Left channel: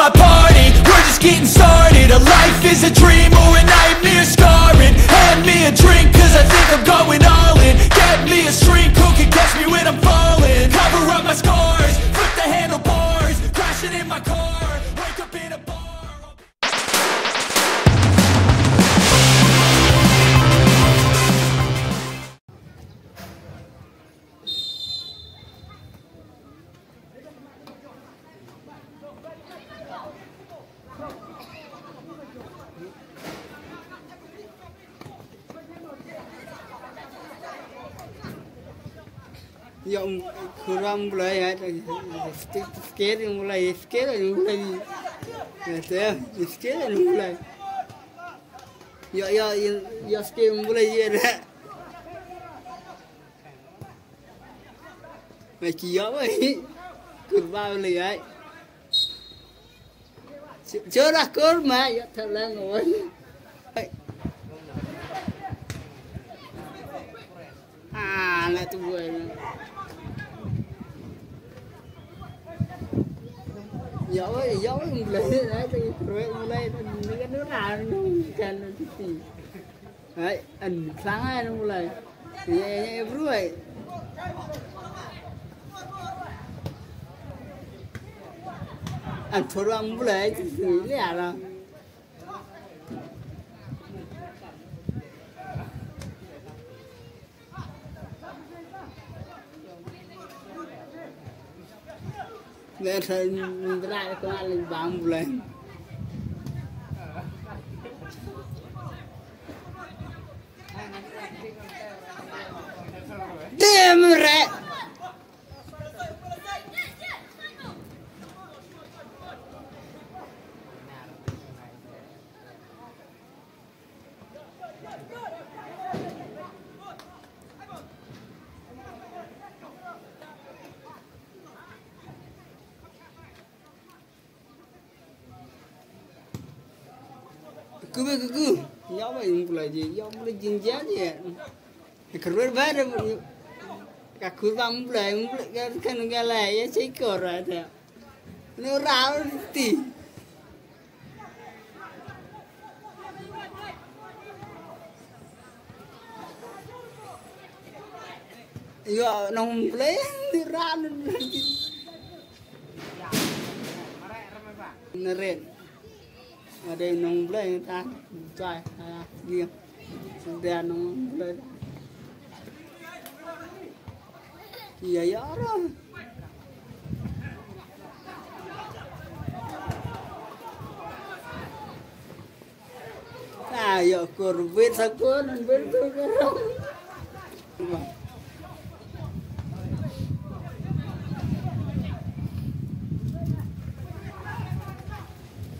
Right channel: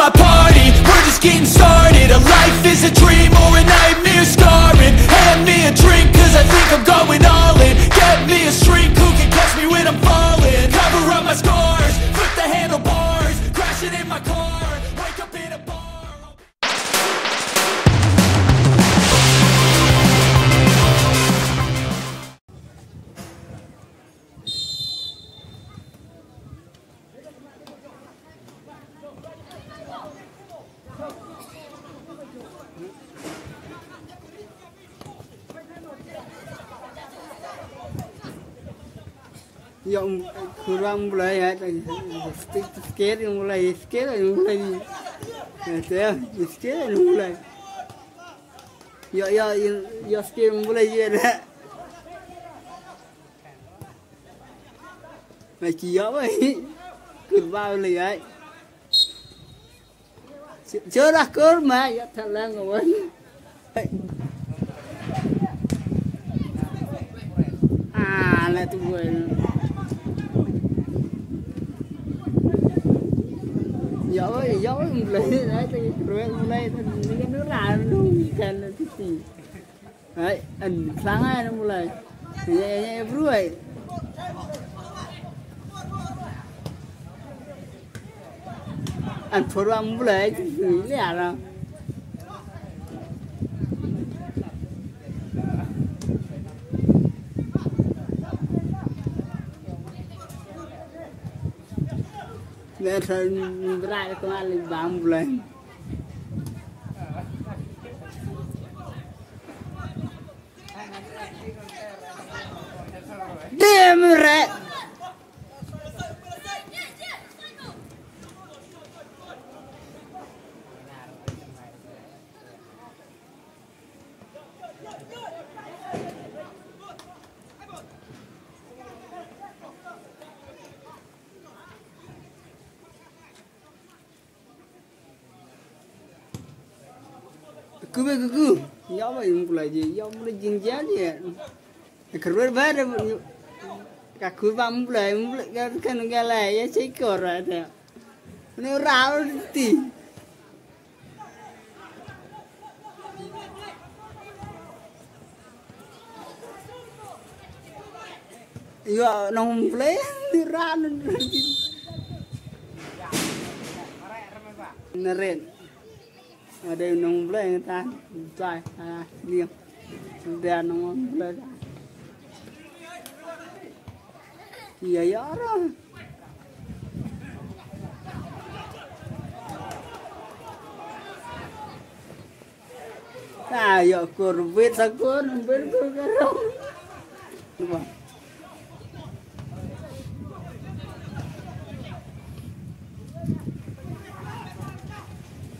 my party, we're just getting started. A life is a dream or a nightmare scarring. Hand me a drink cause I think I'm going all in. Get me a shrink who can catch me when I'm falling. Cover up my scars, flip the handlebars, crashing in my car, wake up in a bar. Yang kurang mulai skate mulai skate mulai ya skate mulai ya macam apa ini kurang mulai cerah kurma ya terang awan lah tu Dạ ơi, lấy thì lấy cái nước nào nó cần thì đấy, anh sáng ai nó lại thì em rồi anh phun vào mua lấy thì nghĩ là đâu Để thôi ra cái này lên bám lên Damn right. Cứ nhóm mình là gì nhóm nó dừng giá gì cái rớt vét cả khối văm lại cái này chế cờ rồi thế nó ráo tỉ giờ nó lấy ra nó rền ở đây nông lên người ta trai nghiêng đèn nó lên kìa gió đó giờ còn biết sao cô nên biết tôi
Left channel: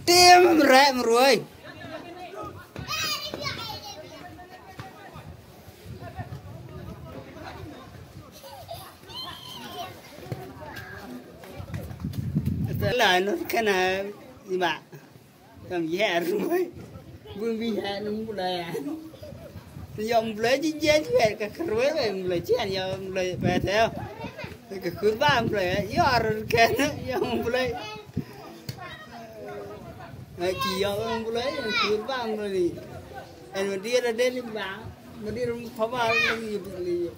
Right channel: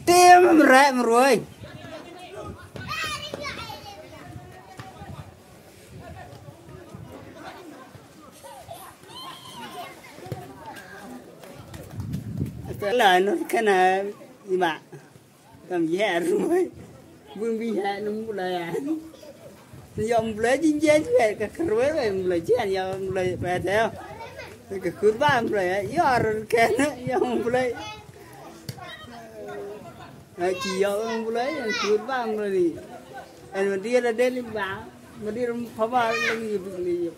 Tim rẹ mà rồi lời nó cái này gì mà cầm gì hả rồi vương đi hả nó một lời à dòng lấy chính chế chứ vậy cái rối vậy lời chứ anh dòng lời về theo cái cuốn ba lời gió rồi cái nó dòng lấy chỉ giờ ông lấy cuốn vàng rồi thì anh mà đi ra đến báo mà đi phá vào gì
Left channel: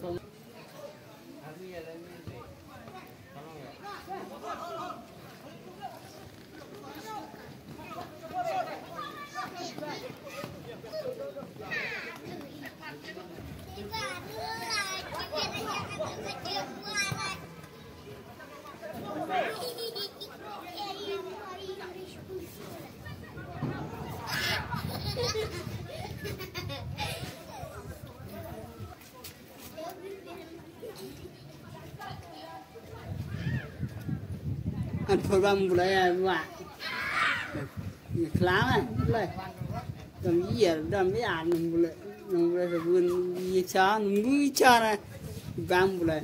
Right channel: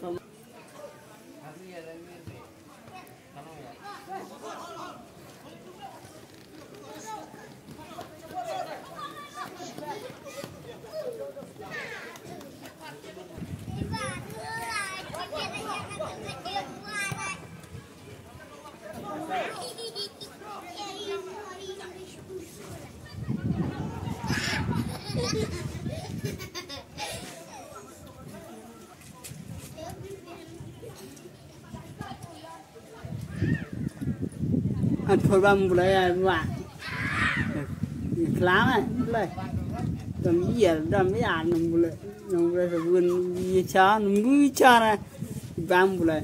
anh thôi băm lại bạn khá này lại làm gì làm mấy ảnh nó lại vườn gì chó nó cho này băm lại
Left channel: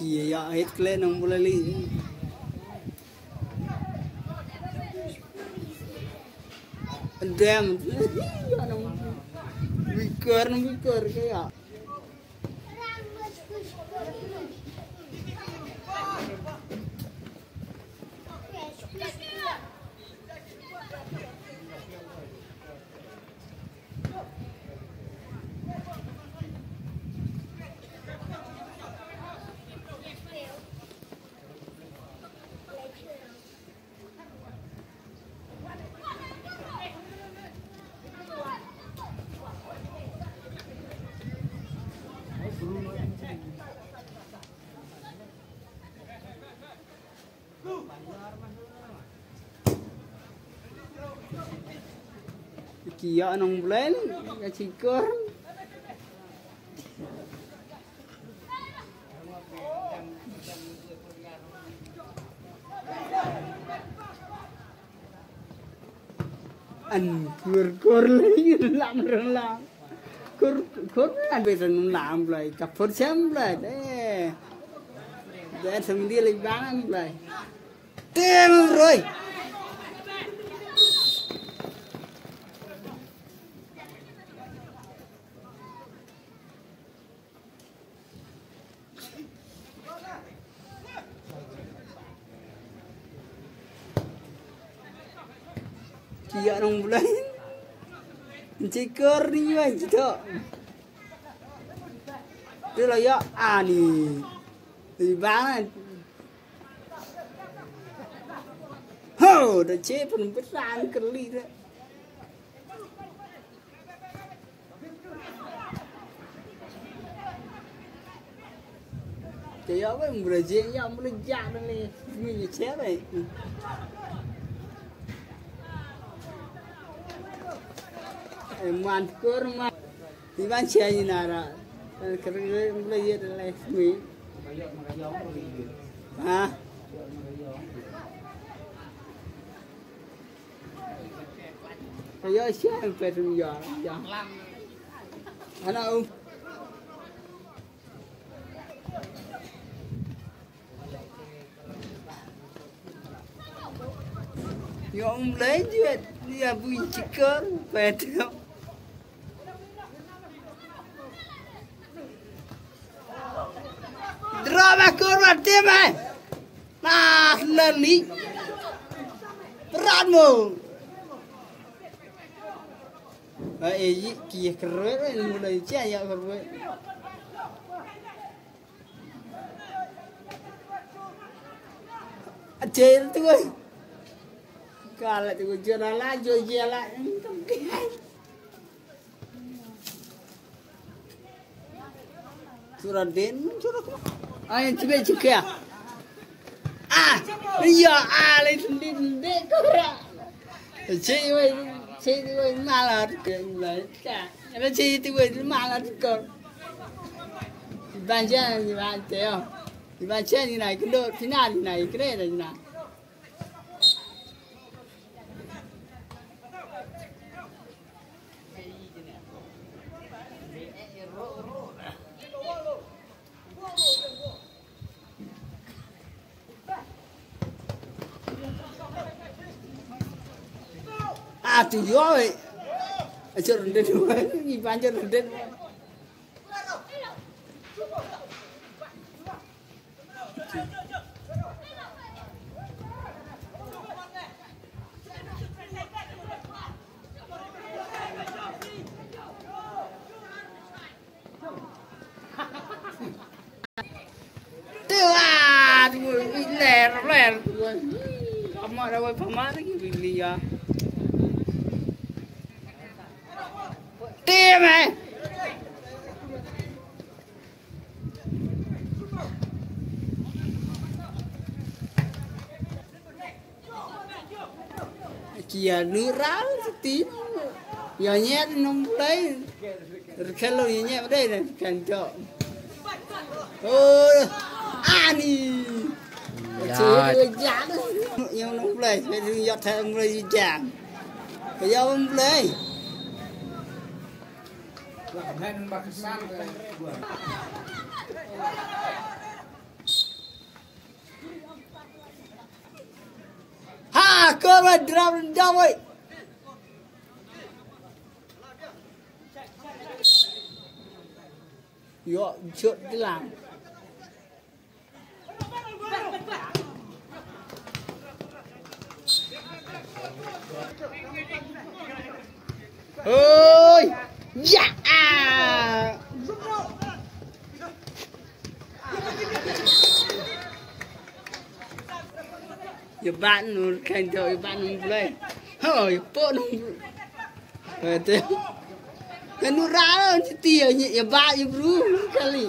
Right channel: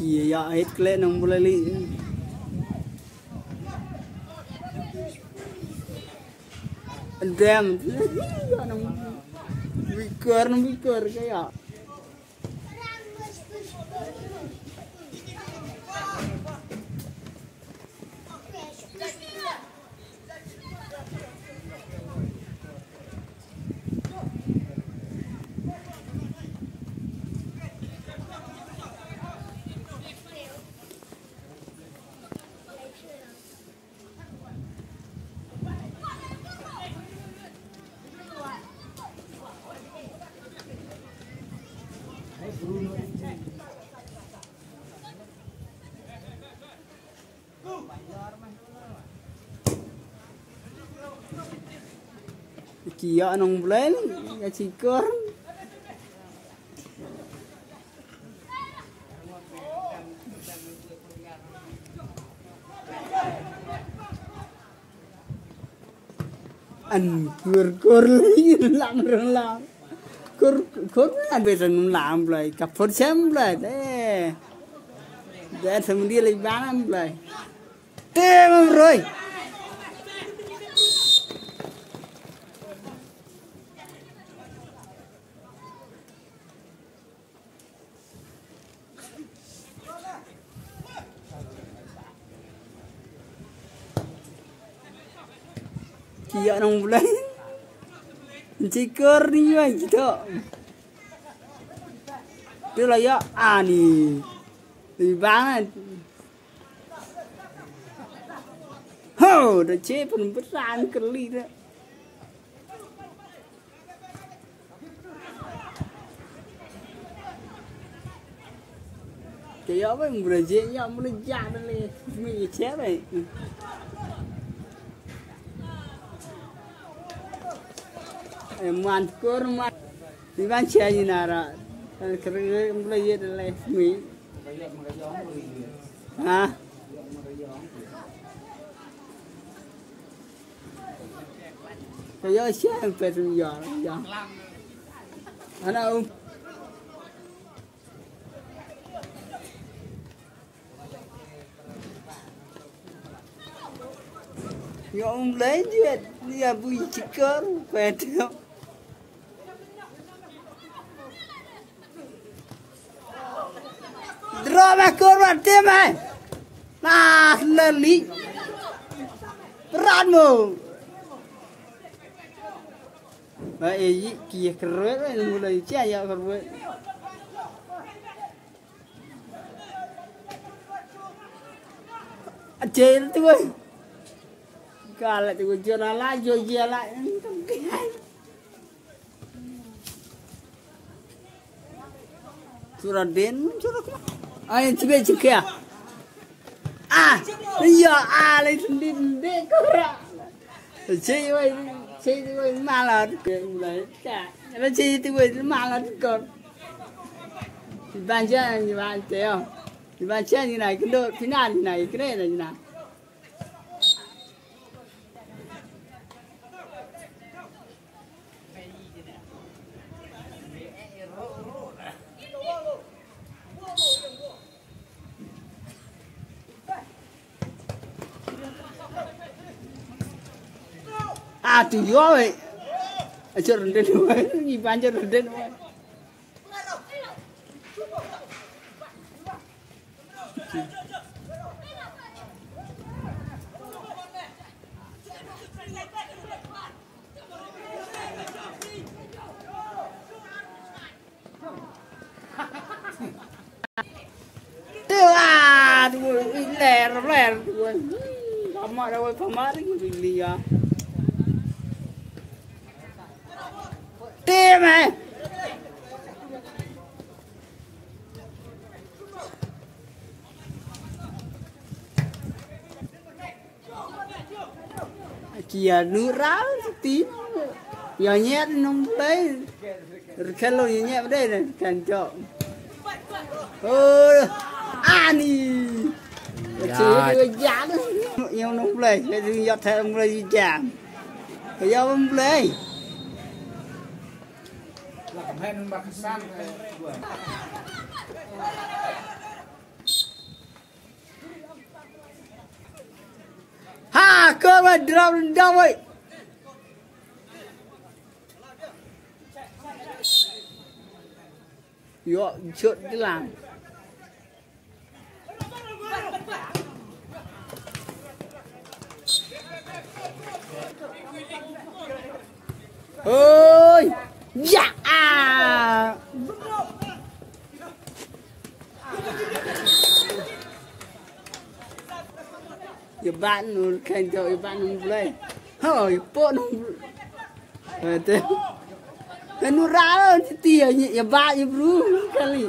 kìa giờ hết lên nó lại đi anh đem Викор cái ạ Kia nong blen ya cikor. Anh kur làm kur là bây giờ làm lại cặp phốt xem lại đấy để thằng đi lấy bán lại tem rồi kia nong bulan cikor ni kan gitu tu lah ya ni di banget ho dah cepet besar keli dah kia apa yang berjaya yang berjaya ni ni cewek mantur man di ban sia ni nara kerja mulai ye dah mi ha kayo sia petu ya ana yo lấy chuyện dia bui cikar petu drama korban tema nah leli peranmu bayi kia keren mulai caya keren ajen tu kalau tu jalan laju jalan curah den curah ai cube cukia iya ale sendiri dek kora cewek malah mulai kak apa cewek malah kor dibaca ni nak kendo final ni nak kira ni nak tu yo vậy, chơi rendet gì bán chơi rendet, tu ler, pamar awal pamar ni dia. Tim này kia nước ráo tí giờ nhét nông đấy cái lô nhét đây là cảnh trộn ani dạ yêu nông lấy bây giờ giọt theo ông lấy gì chả bây giờ ông lấy ha cơ mà đâm đâu vậy yo chuyện cái làm ôi dạ giờ bạn nó khen rồi bạn nó lên hỏi bộ nó thế cái nó ra rồi tiền nhỉ giờ bạn giờ bru cái gì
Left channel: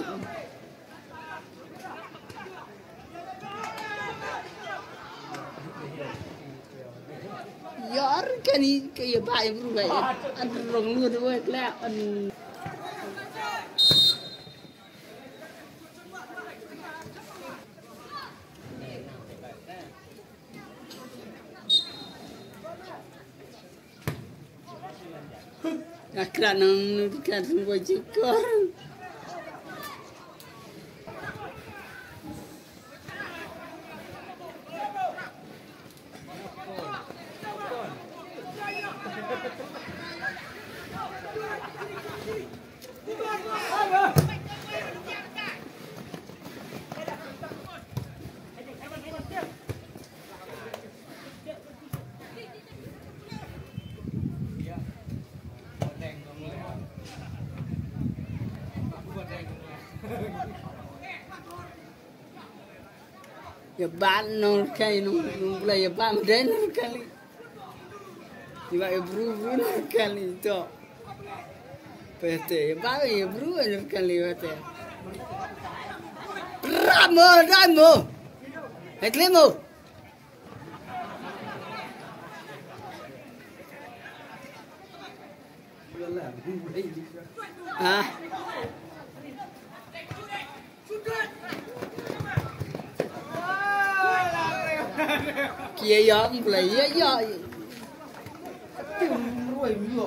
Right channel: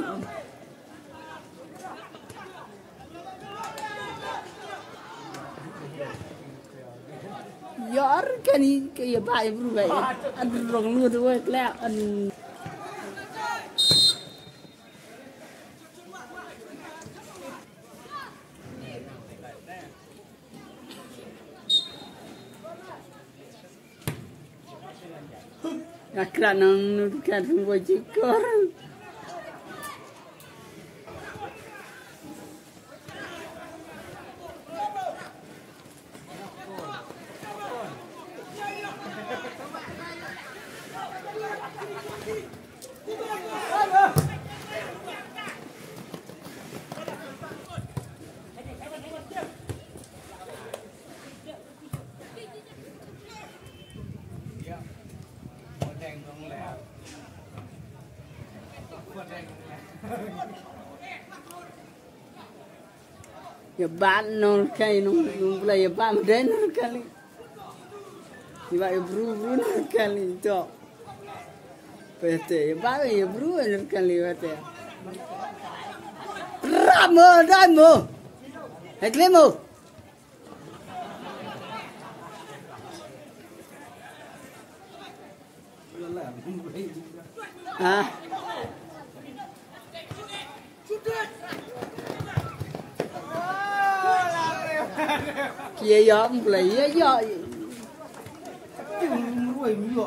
cái này cái bài cũng vậy ăn rồng như thôi lẹ ăn Akranang kan semua juga. Ya ban non kai no play ban den kali. Juga bru kali to. Pete ba ya bru kali pete. Ramo. Eklemo. Ah. Kia gió lấy gió rồi gió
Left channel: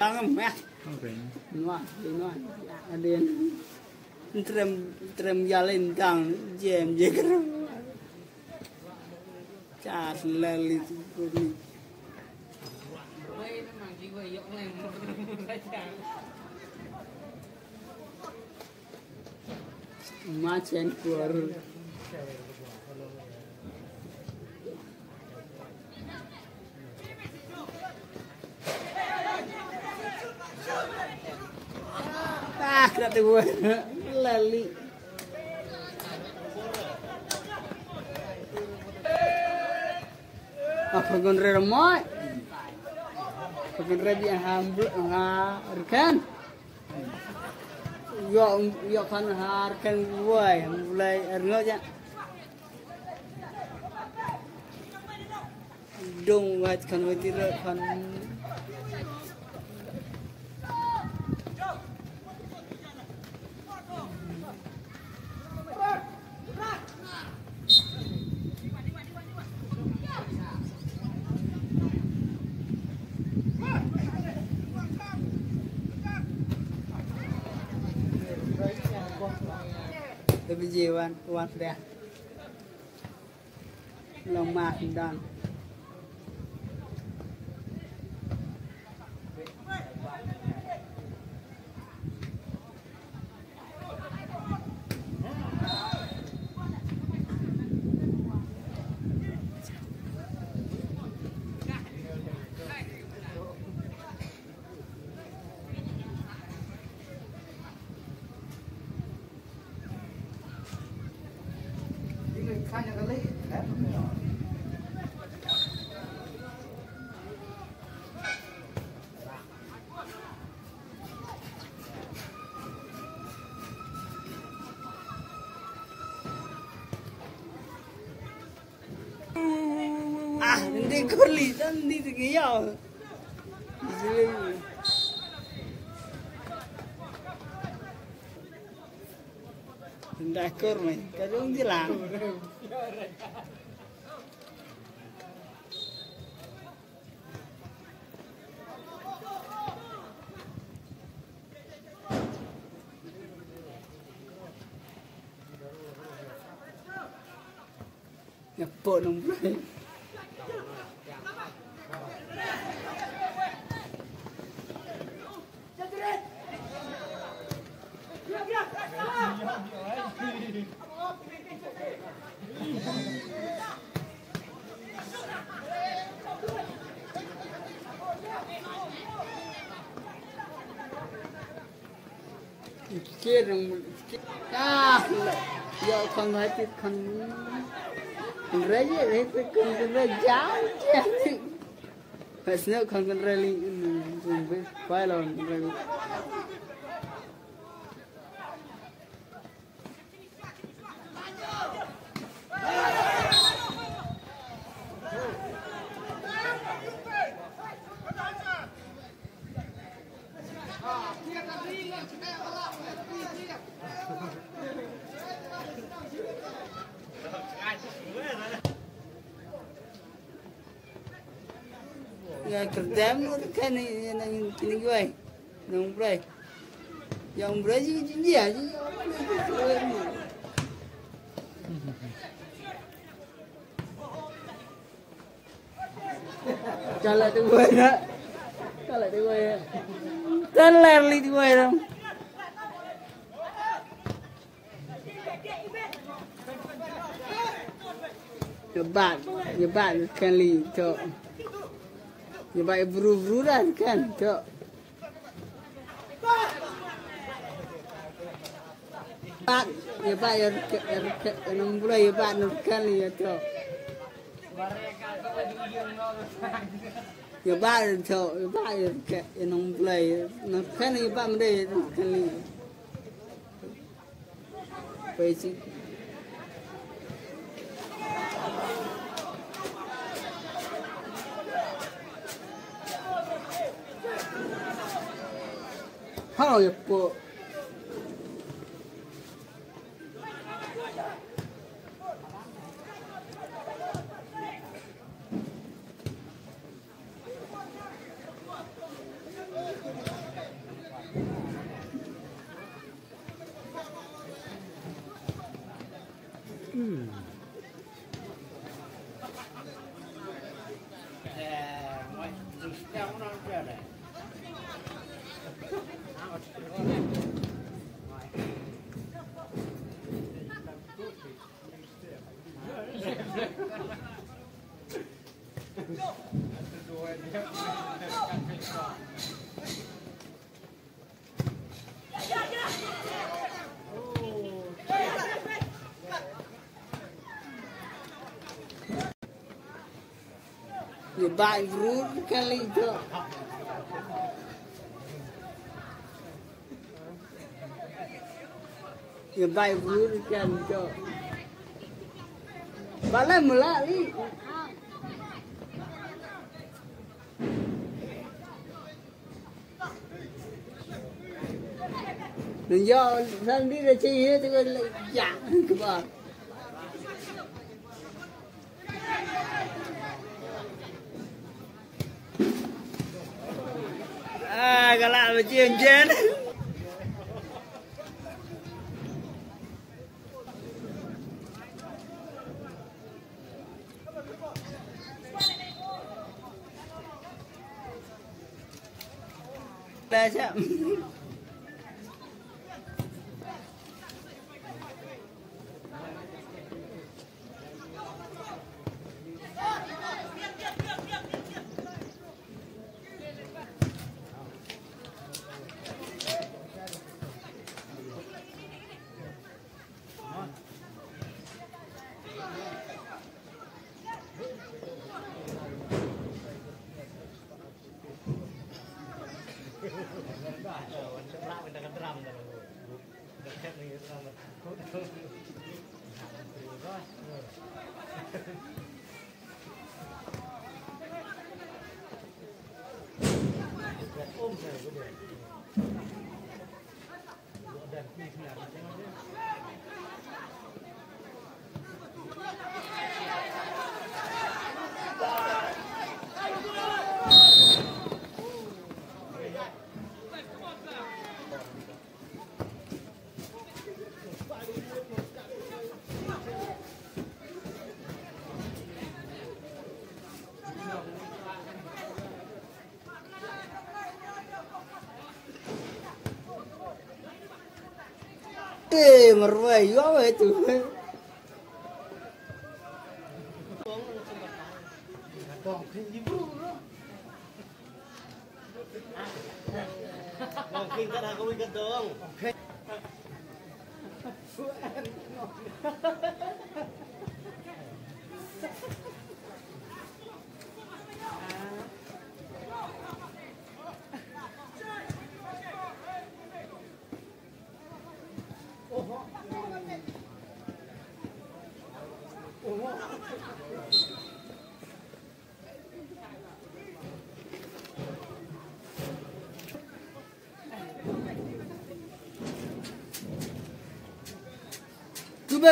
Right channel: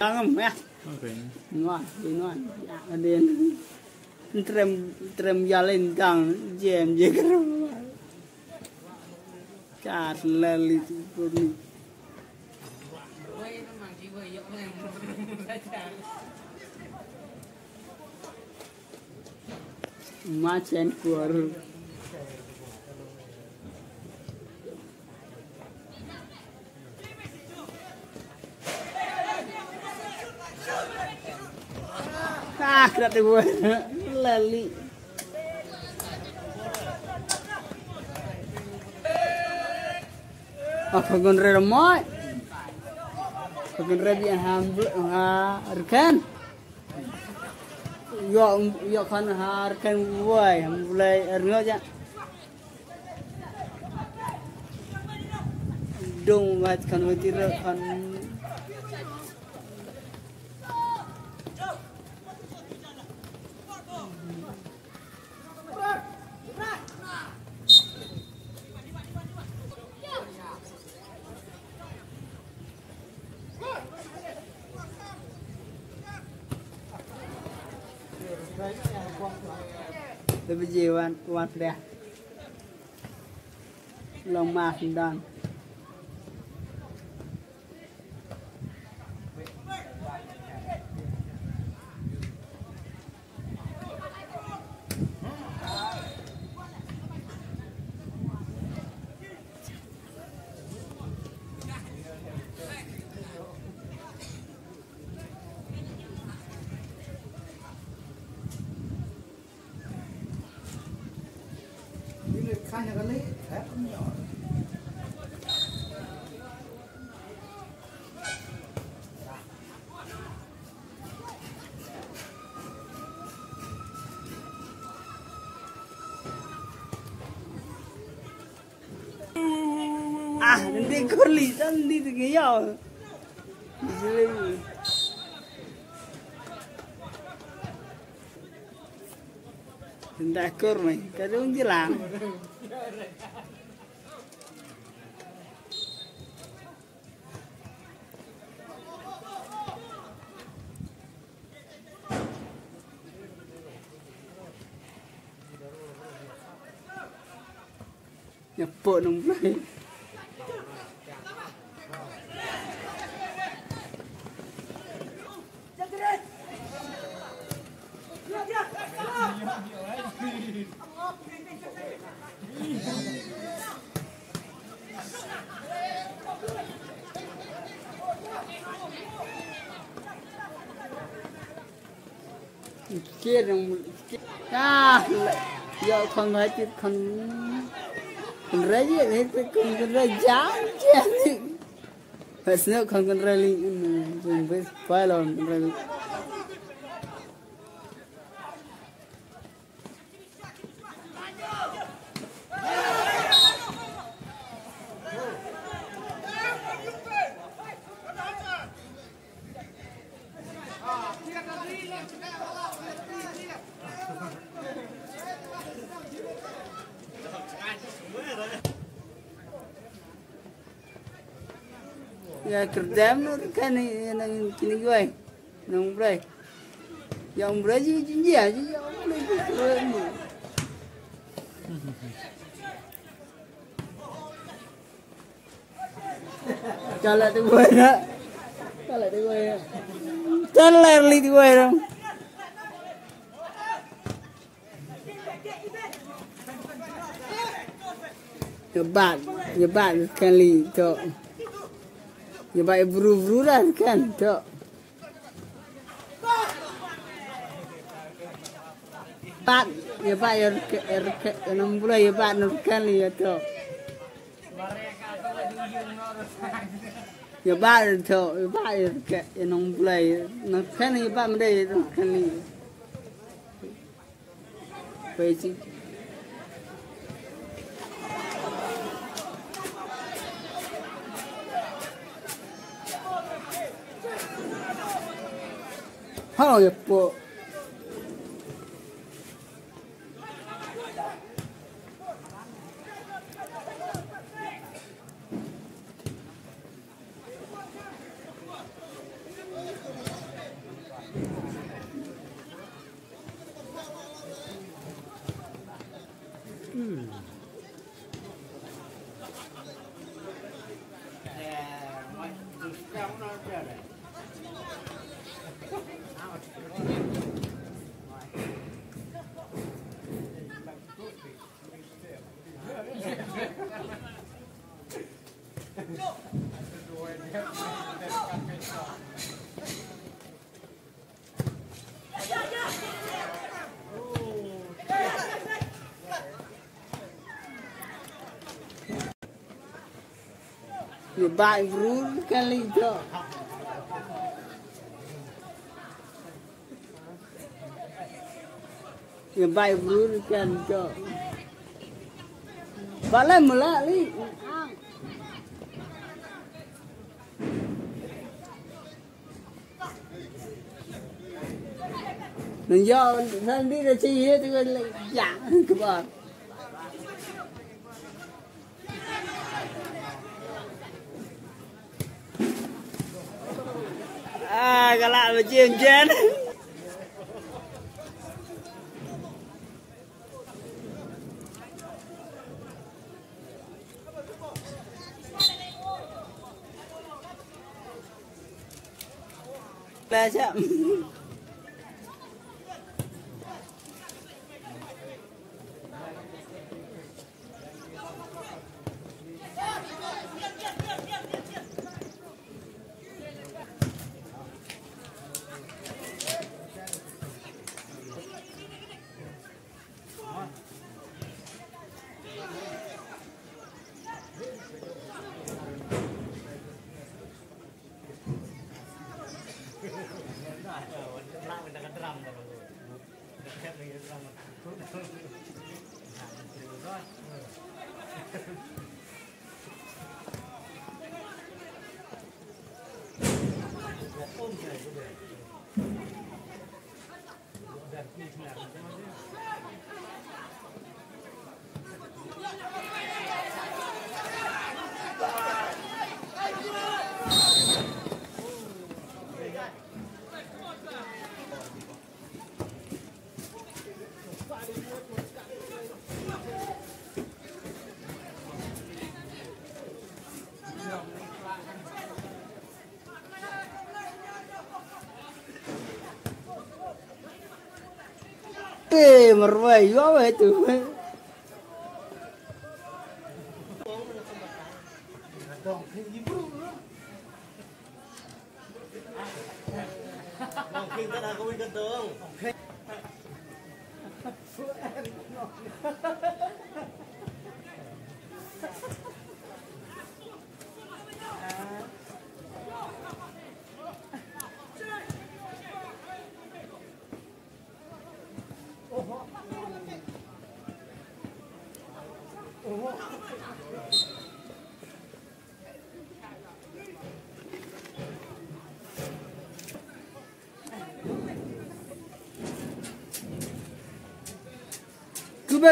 Tangan meh. Oke. Nuan. Adin. Trem jalan kang jam jeger. Car lali puri. Macam kuar. Kena buat lali. Apa gunre ramai? Gunre biar harkan. Yo kan harkan buai, mulai erno aja. Dong gat kan wajib kan. Tapi jiwan kuat dah. Lemah sedang. Hanya kali. Đi con lì dân đi từ cái giò. Dah kur mày, cái đúng chứ làm. Nhập bộ đúng rồi. kia rằng giờ không nói thì không rơi gì đấy không rơi giá chứ phải sợ không cần rơi liền dùng với phải làm rơi ya kerjaan kan ini gue yang break jadi aja kalau tu gue teler li gue dong nyebat kali tu ya baik buru-buruan kan tok pat ya baik enam bulan ya pak nurkan ya tok ya baik tok ya baik enam bulan nurkan ya pak mendai nurkan ni baik oh ya po ya baik buru kali tok ya baik buru kan tok balai mula ni do thân đi ra chi hết cái dạng cái bờ galak là chiên chén là chậm merway apa itu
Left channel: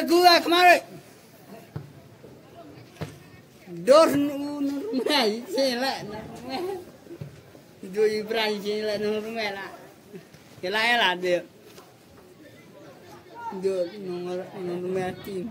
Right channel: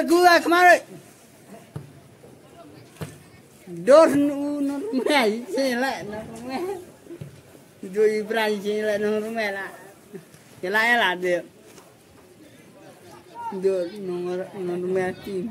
Gua kemarin dor mai sila itu Ibrahim sila rumah lah sila lah dia dor rumah tim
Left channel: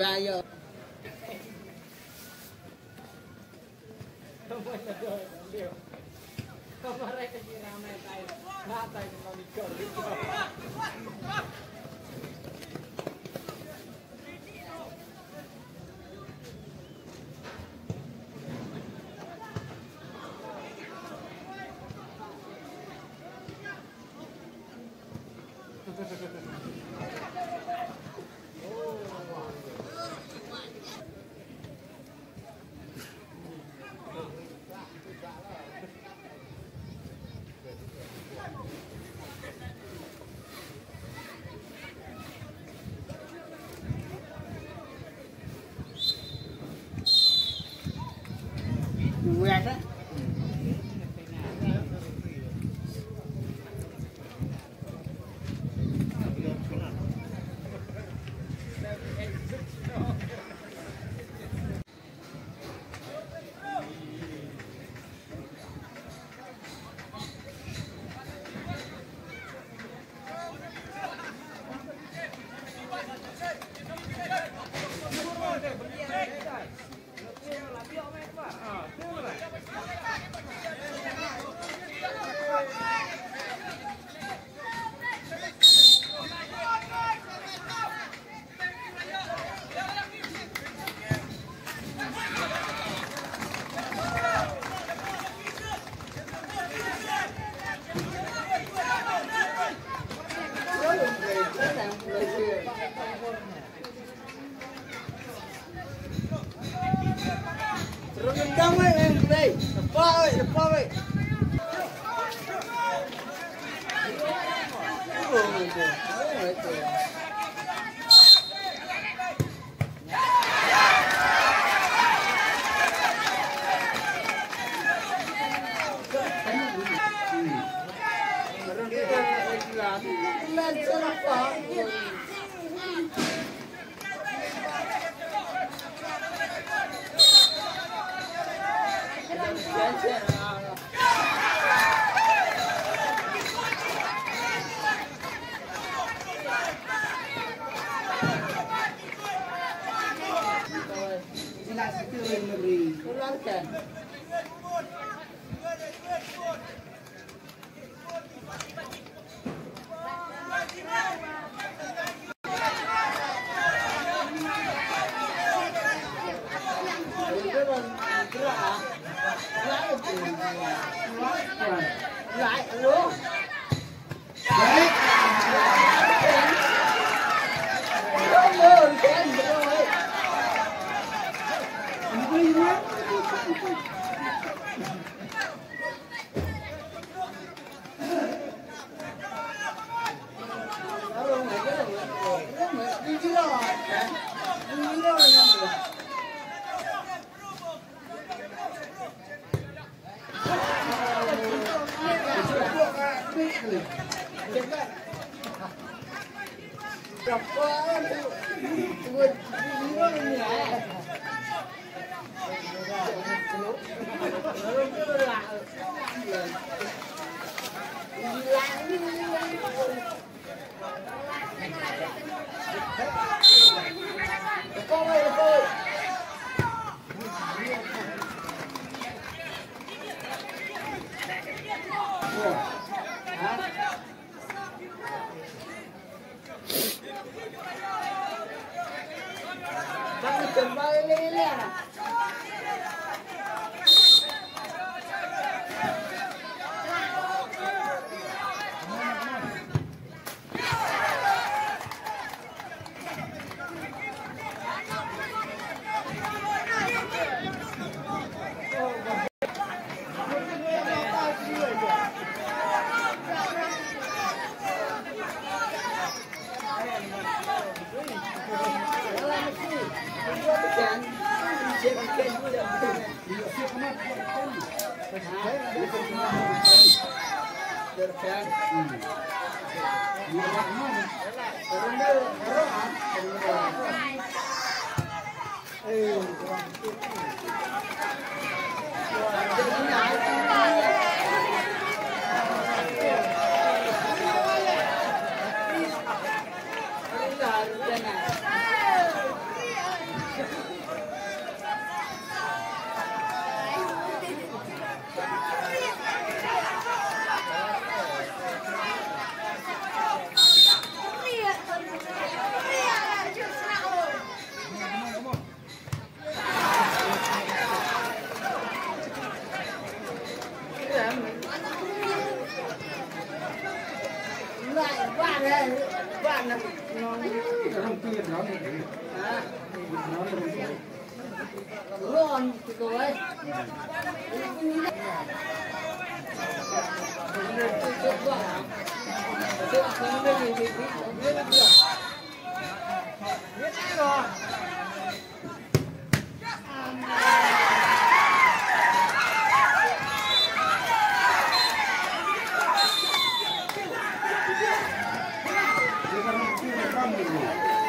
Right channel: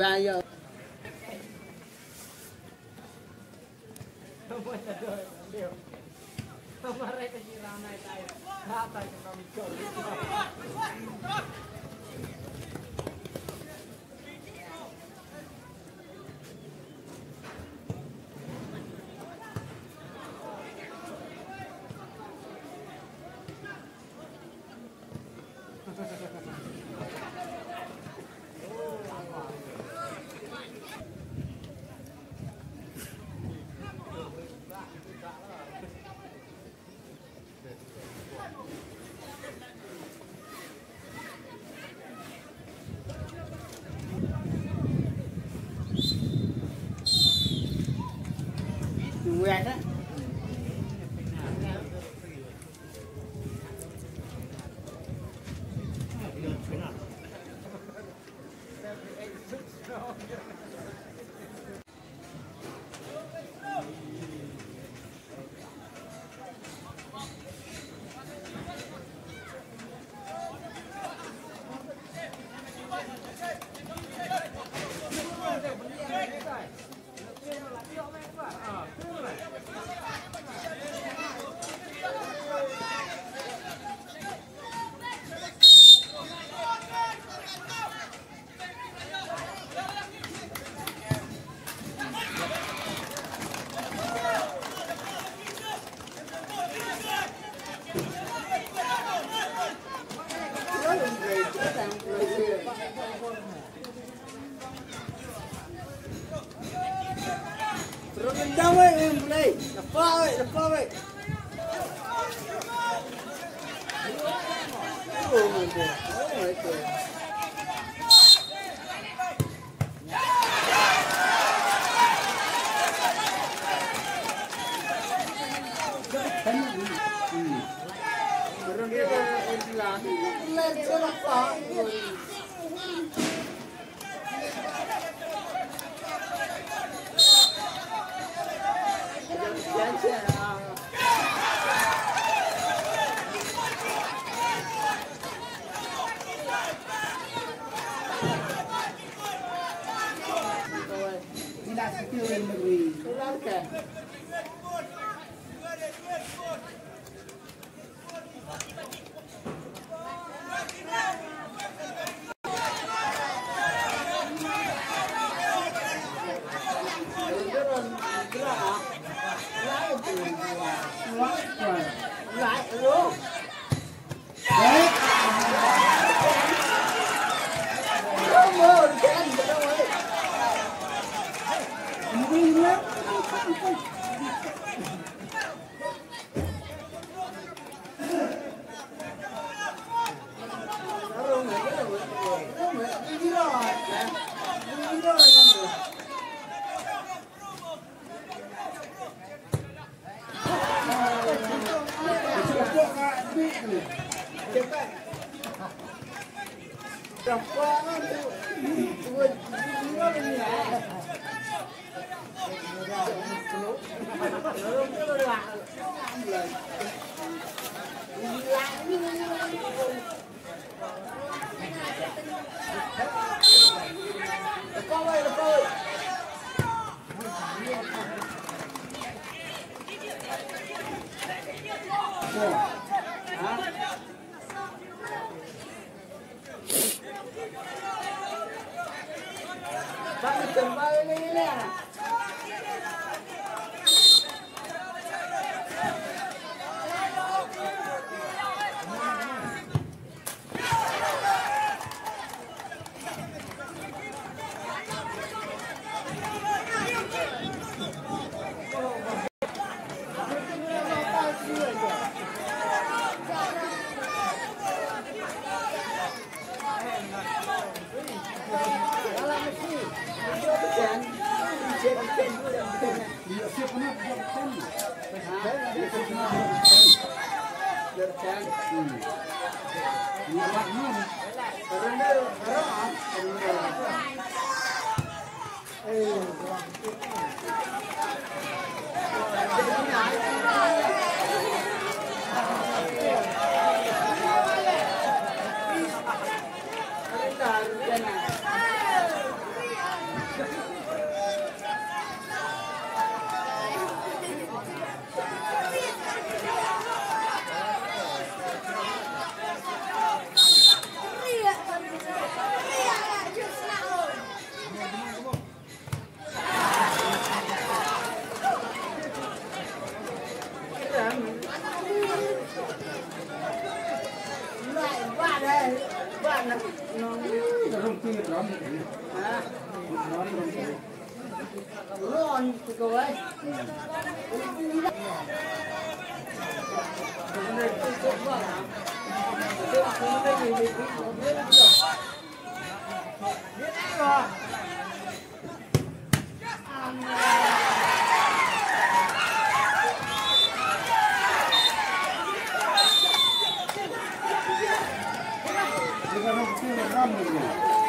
Bayar. Mereka sih ramai tayo. Mata itu kami kau. Buat tak? đây, đập bao vậy. Vamos,